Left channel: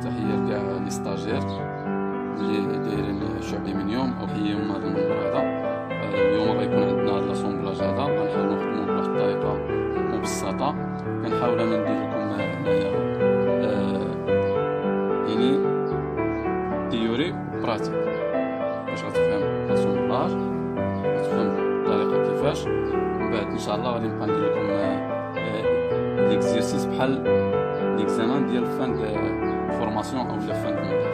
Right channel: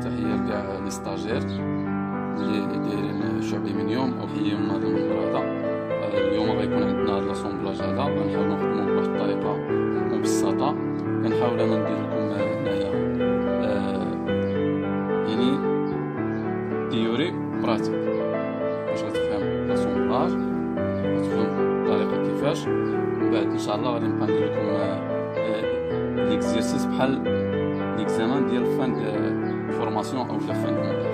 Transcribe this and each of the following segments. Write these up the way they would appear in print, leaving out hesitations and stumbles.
تحية لكاع لي ستاجير اللي دايرين شعبي من يوم او حيهم هذا المنبر هذا. اليوم غيكون عندنا هذا لاسومبلاج هذا، غنحاولوا نخدموه بواحد الطريقه مبسطه. كنحاول انا ندير لكم هنايا يعني تيوري براتيك باش غتفهم لاسومبلاج، غتفهم الطريقه كيفاش. من بعد ان شاء الله غادي نبقى ندير لكم ليكزيرسيس بحال ليكزامان ديال فان دو فورماسيون او لا فان دو مونتاج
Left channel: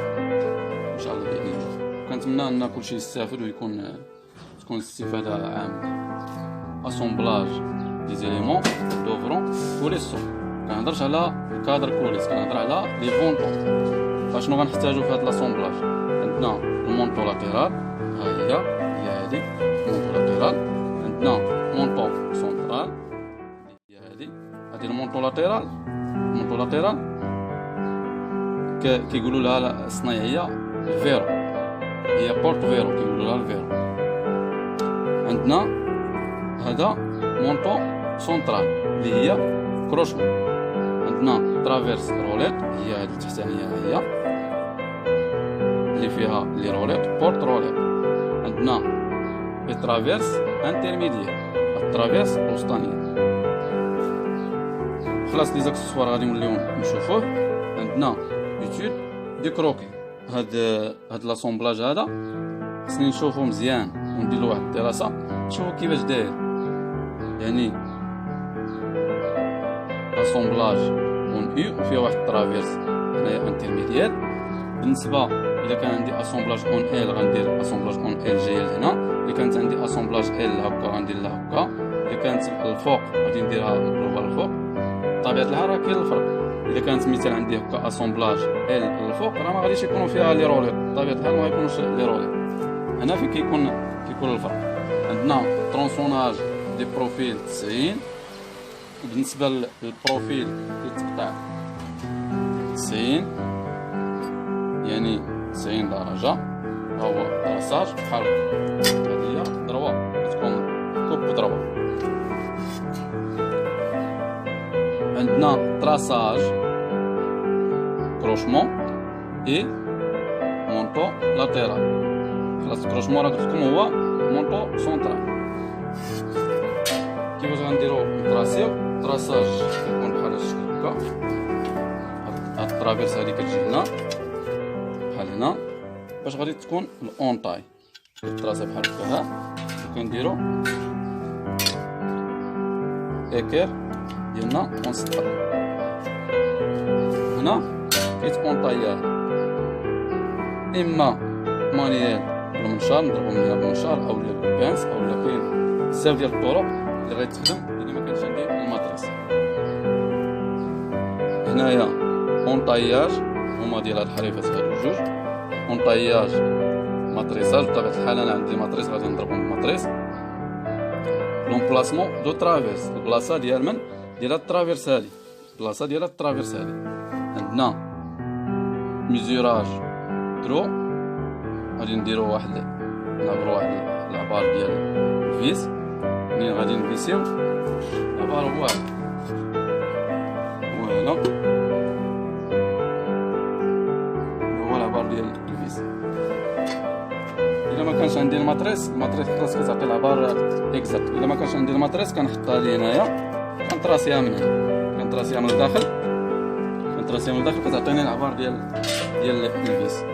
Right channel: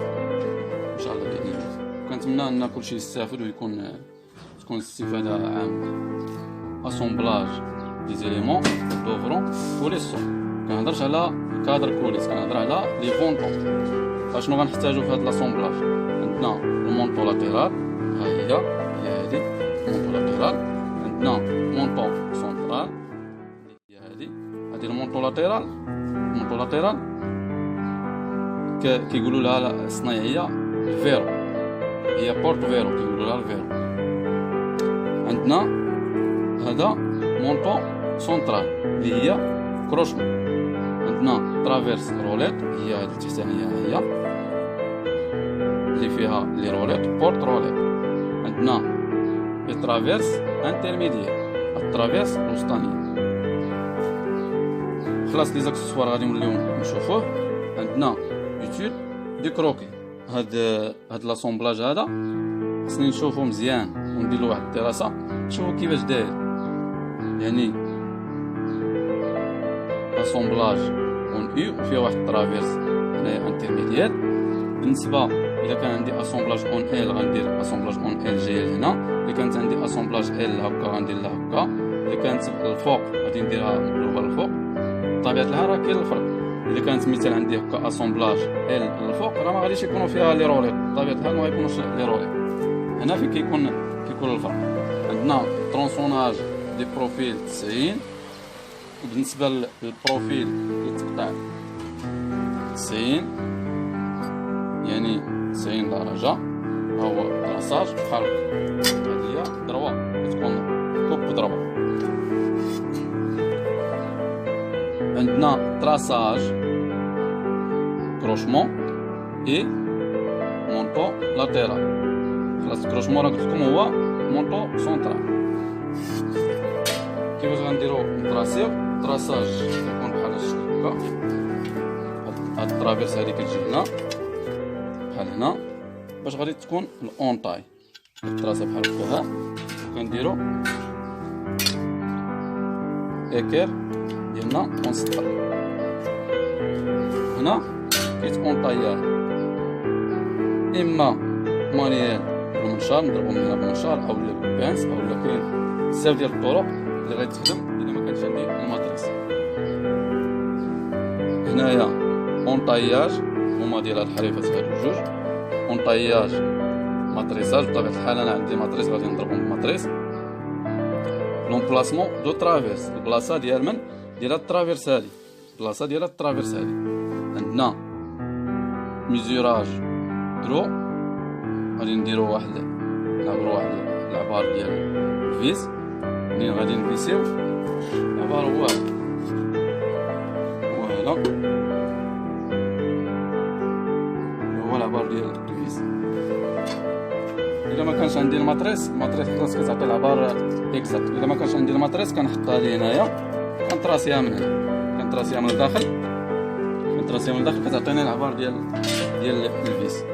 ان شاء الله باذن الله. كنتمنى ان كلشي يستافد ويكون تكون الاستفاده عامه. اسومبلاج دي زيليمون دوفرون كولي سون. كنهضرش على الكادر كوليس، كنهضر على لي فونطو. اشنو غنحتاجو في هاد لاسومبلاج؟ عندنا المونطو لاتيرال، ها هي هادي المونطو لاتيرال. عندنا مونطو سونترال، هي هادي المونطو لاتيرال. المونطو لاتيرال كيقولوا لها الصنايعيه الفيرو، هي بورت فيرو كيقولوا لها الفيرو. عندنا هذا مونطو سونترال اللي هي كروشمون. عندنا ترافيرس روليت، هي هذه التحتانيه هي اللي فيها لي روليت بورت روليت. عندنا ترافيرس انترميديير، الترافيرس الوسطانيه. خلاص لي زاكسسوار غادي نوليو نشوفوه. عندنا ايتود دي كروكي. هاد لاسومبلاج هذا خصني نشوفو مزيان وندير له واحد الدراسه نشوفو كيفاش داير. يعني اسومبلاج اون اي وفيها واحد الترافيرس هنايا انترميديير. بالنسبه اذا كان عندي اسومبلاج اون ال غندير اسومبلاج اون ال جايه لهنا. اذا كانت عندي اسومبلاج ال هكا غندير لها هكا. اذا كانت الفوق غادي نديرها مقلوبه للفوق. بطبيعه الحال راه كاين الفرق. اذا كانت مثال عندي هكا اسومبلاج ال للفوق راه ما غاديش يكونوا فيها لي روليت، بطبيعه الحال ما غيكونوش لي روليت. هنا فين كيكون الفرق. عندنا ترونسوناج دي بروفيل 90. بالنسبه للبروفيل كيتقطع 90 يعني 90 درجه. ها هو تراساج بحال هكا. هذه هي ضربه كتكون كوب ضربه. عندنا تراساج كروشمون اي مونطو لاتيرال. خلاص كروشمون راه قلت لكم هو مونطو سونترال. كيفاش غنديرو نطراسيو؟ تراساج كيكون بحال هاد الشكل هكا. هاد الترافيرس هادي كتجي هنا بحال هنا باش غادي تكون الاونطاي كتراسا بحال هكا. ها وكنديرو اكير ديالنا ونسطر هنا كيتونطايا اما مانيال بالمنشار، نضربو من هنا بالمنشار او بالبانس او كاين بزاف ديال الطرق اللي غيتخدم الا ما كانش عندي الماتريس. هنايا اونطاياج هما ديال هاد الحريفات هادو جوج. اونطاياج ماتريساج، بطبيعة الحال انا عندي ماتريس غادي نضربهم بالماتريس. لومبلاسمون دو ترافيرس، البلاصه ديال من ديال هاد الترافيرس هادي، البلاصه ديال هاد الترافيرس هادي. عندنا ميزوراج درو، غادي نديرو واحد نعبرو واحد العبار ديال الفيس. منين غادي نفيسيو العبار هو هذا، هو العبار ديال الفيس. الا ما كانش عندي الماتريس خلاص كتعطي العبار اكزاكت. الا ما كانش عندي الماتريس كنحطها لي هنايا، كنطراسيها من هنا، كنطراسيها من الداخل، كتعطيني العبار ديال الفيس.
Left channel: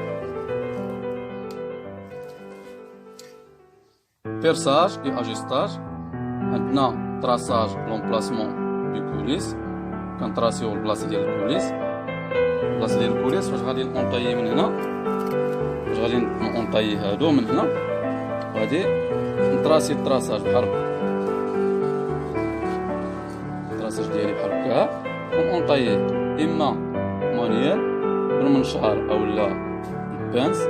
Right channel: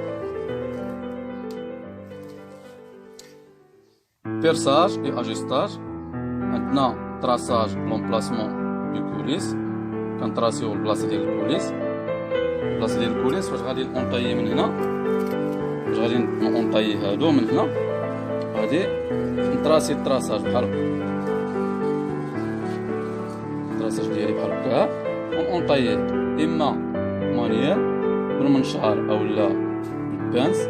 بيرساج اي اجستاج. عندنا تراساج لومبلاسمون دو كوليس، كنطراسيو البلاصه ديال الكوليس. فاش غادي نونطايي من هنا، فاش غادي نونطايي هادو من هنا، غادي نطراسي التراساج بحال هكا. التراساج ديالي بحال هكا ونونطايي اما مانيال بالمنشار اولا بالبانس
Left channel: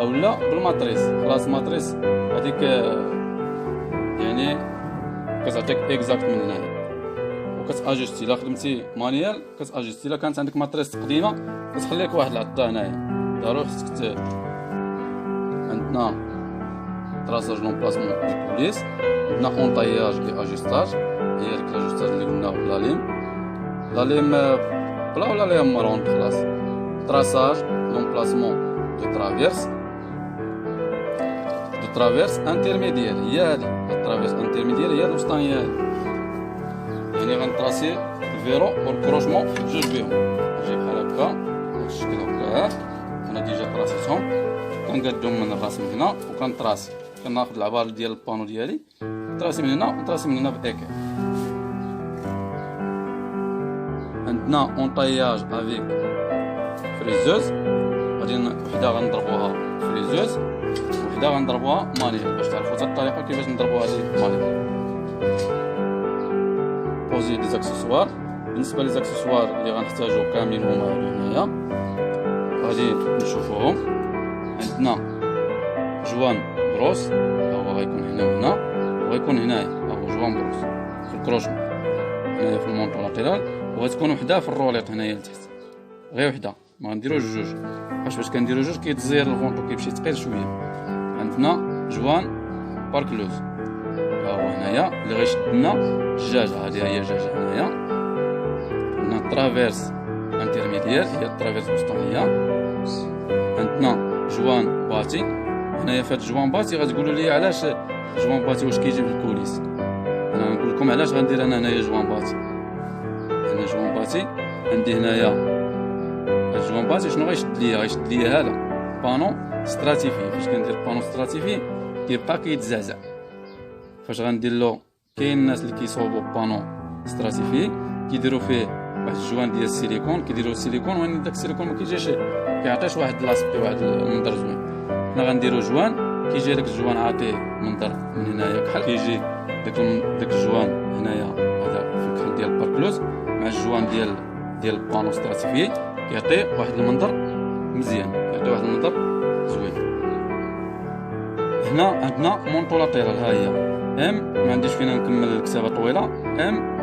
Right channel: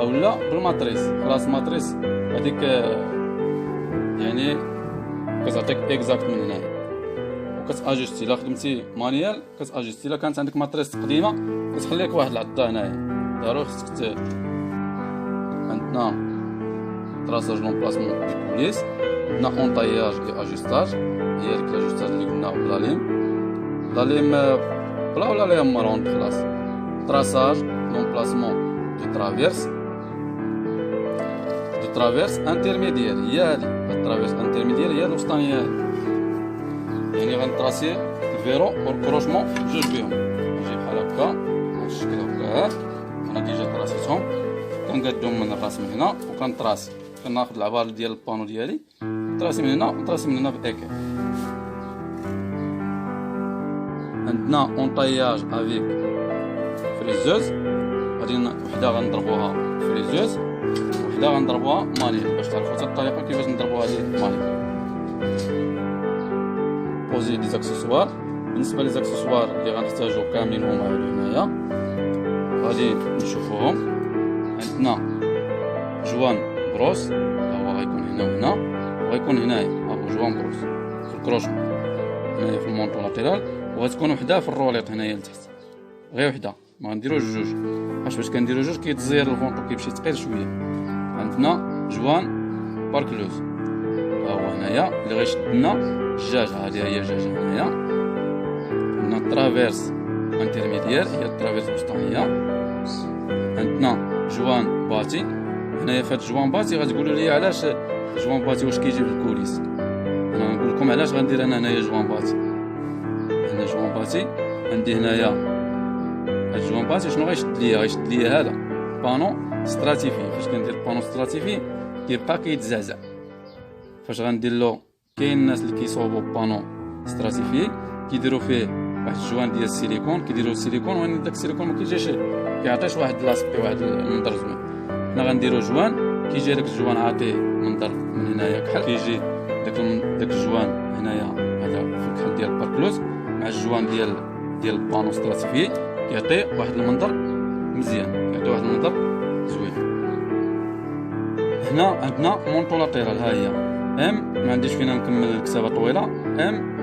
اولا بالماتريس. خلاص الماتريس هذيك يعني كتعطيك اكزاكت من هنايا وكتاجستي. الا خدمتي مانيال كتاجستي. الا كانت عندك ماتريس قديمه كتخليك واحد العضه هنايا ضروري خصك عندنا تراساج لومبلاسمون دي كوليس. عندنا اونطاياج اي اجستاج، هي ديك لاجستاج اللي قلنا بلا ليم بلا ولا ليم مارون. خلاص traçage, l'emplacement de traverse intermédiaire. هي هادي الترافيرس انترميديير هي الوسطانية هادي. يعني غنطراسي الفيرو والكروشمون جوج بيهم. نجي بحال هكا بهاد الشكل هكا. انا ديجا طراسيتهم، كنقادهم من الراس من هنا وكنطراسي. كناخد العبار ديال البانو ديالي نطراسي من هنا ونطراسي من هنا بإيكير. عندنا اونطاياج افيك فريزوز، غادي وحده غنضربوها فريزوز وحده غنضربوها مانيل باش تعرفوا حتى الطريقه كيفاش نضربوا هذه مانيل. بوزي دي زاكسسوار. بالنسبه لي زاكسسوار اللي غنحتاجو كاملين هما هادو هنايا، غادي نشوفوهم. عندنا جوان بروس، هو غيكون هنا وهنا، وغيكون هنايا هو جوان بروس في الكروشمون هنايا في المونطو لاتيرال، وغتكون وحده في الروليط هنايا لتحت، غير وحده ما غنديروش جوج. باش كنديرو جوج كيتزير الفونطو كيمشي ثقيل شويه. عندنا جوان باركلوز، ها هو هنايا اللي غيشد لنا الجاجه. هذه هي الجاجه هنايا. عندنا ترافيرس انترميديير، هي الترافيرس الوسطانيه. عندنا جوان باتي. هنايا فهاد جوان باتي غتقولوا لي علاش جوان باتي واش كيجي في الكوليس. انا غنقول لكم علاش غندير انا هنايا جوان باتي. هنا جوان باتي عندي هنايا هاد جوان باتي. شنو غيشد ليا هذا بانو ستراتيفي. فاش كندير بانو ستراتيفي كيبقى كيتزعزع. فاش غندير له، كاين الناس اللي كيصوبوا بانو ستراتيفي كيديروا فيه واحد الجوان ديال السيليكون، كيديروا السيليكون وين داك السيليكون ما كيجيش كيعطيش واحد لاسبي واحد المنظر زوين. حنا غنديروا جوان كيجي داك الجوان عاطيه منظر من هنايا كحل، كيجي داك الجوان هنايا هذا في الكحل ديال الباركلوز مع الجوان ديال البانو ستراتيفي كيعطي واحد المنظر مزيان، كيعطي واحد المنظر زوين. هنا عندنا مونطو لاتيرال، ها هي ام، ما عنديش فينا نكمل الكتابه طويله. ام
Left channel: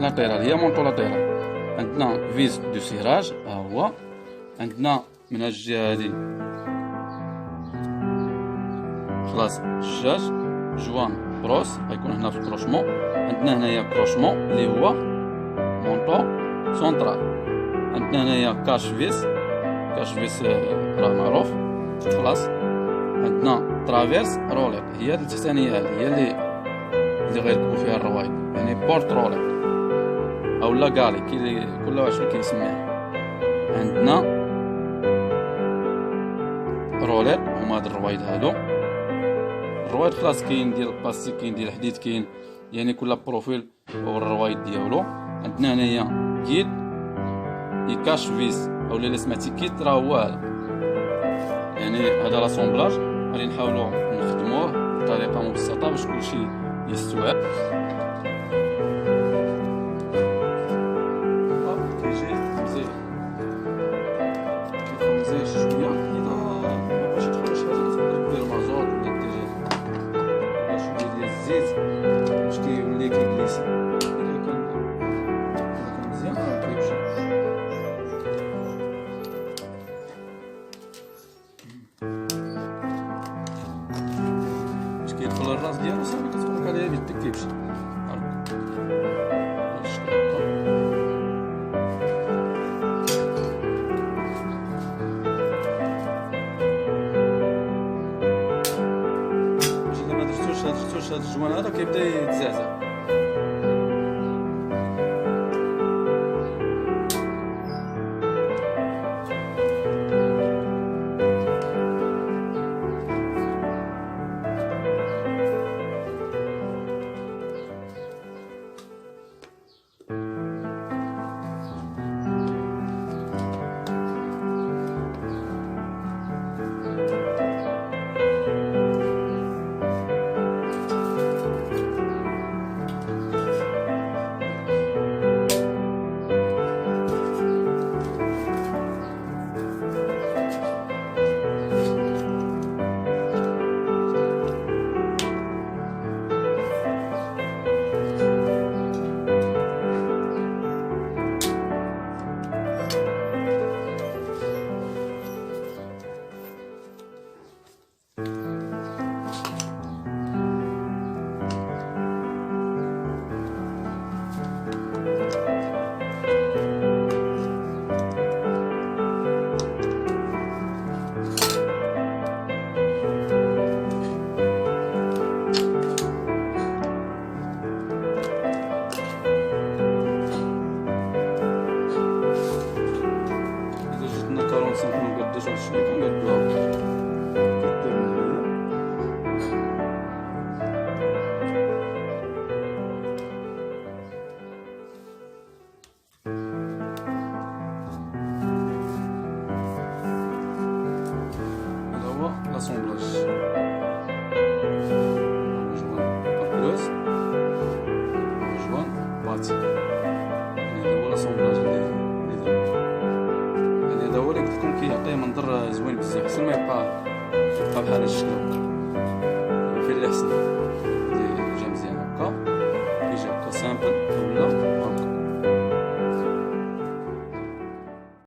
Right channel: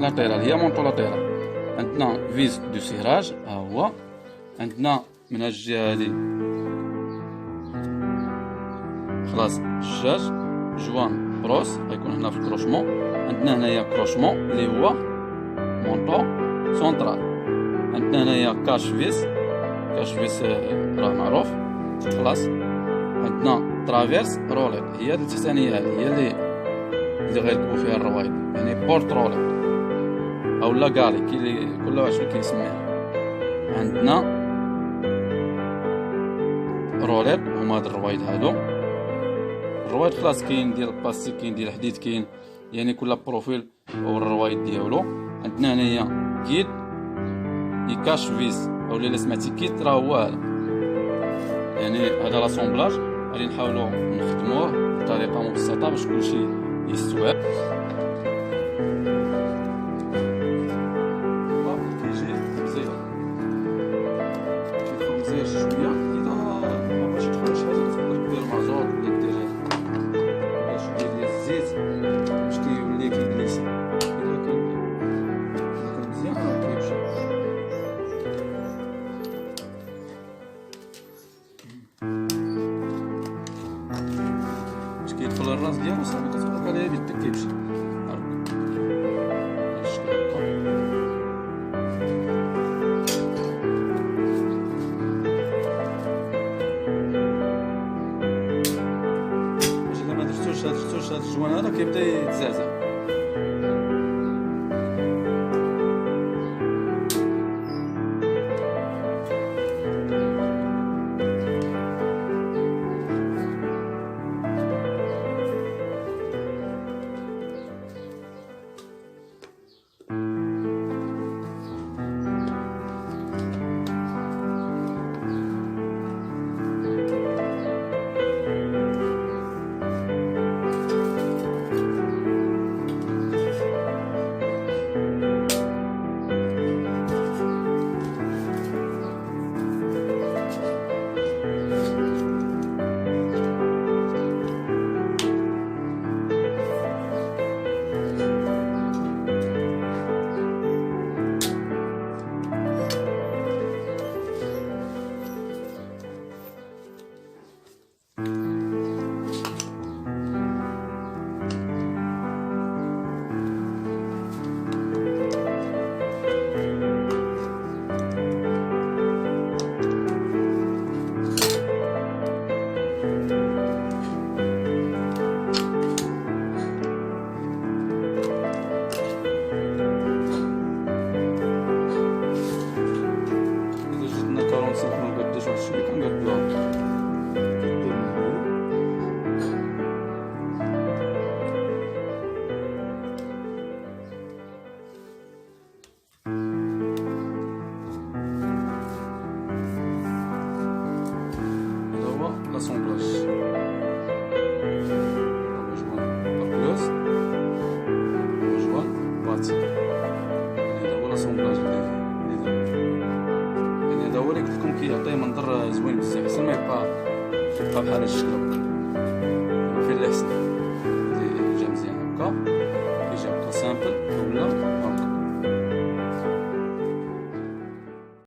لاتيرال هي مونطو لاتيرال. عندنا فيز دو سيراج، ها هو. عندنا من هاد الجهه هادي خلاص الجاج جوان بروس غيكون هنا في الكروشمون. عندنا هنايا كروشمون اللي هو مونطو سونطرال. عندنا هنايا كاش فيس راه معروف خلاص. عندنا ترافيرس روليت، هي التحتانيه هذه هي اللي غيركبوا فيها الروايد، يعني بورت روليت او لا غالي كل واحد شنو كيسميها. عندنا روليت هما هاد الروايد هادو. الروايد خلاص كاين ديال البلاستيك، كاين ديال الحديد، كاين يعني كل بروفيل او الروايد ديالو. عندنا هنايا كيت يكاش فيس او اللي سمعتي كيت راه هو هذا، يعني هذا لاسومبلاج غادي نحاولوا نخدموه بطريقه مبسطه باش كلشي يستوعب. كيجي مزيان، كيدخل مزيان شويه. اذا ما بغاش يدخل شي حاجه تقدر دير مازوط ولا دير شويه ديال الزيت باش كيولي كيجليسي. اذا كان مزيان كيمشي. باش كيدخل الراس ديالو صافي كتفرك عليه بيدك كيمشي. هاكا بهاد الشكل هاكا. باش الا ما درتوش هاد الجوان هذا كيبدا يتزعزع. 45 ما نقدوش واحد شويه كنقدوها كدير من هنا. هذا هو لاسومبلاج، هو جوان باركلوز، هو جوان باتي. يعني هذا هو لاسومبلاج اللي درت. يعني هذا هو اللي قلت لكم كيعطيه منظر زوين بزاف، حسن ما يبقى بحال هاد الشكل هكا. دابا فين اللي حسن جا مزيان هكا، كيجي هكا سامبل ولا هكا.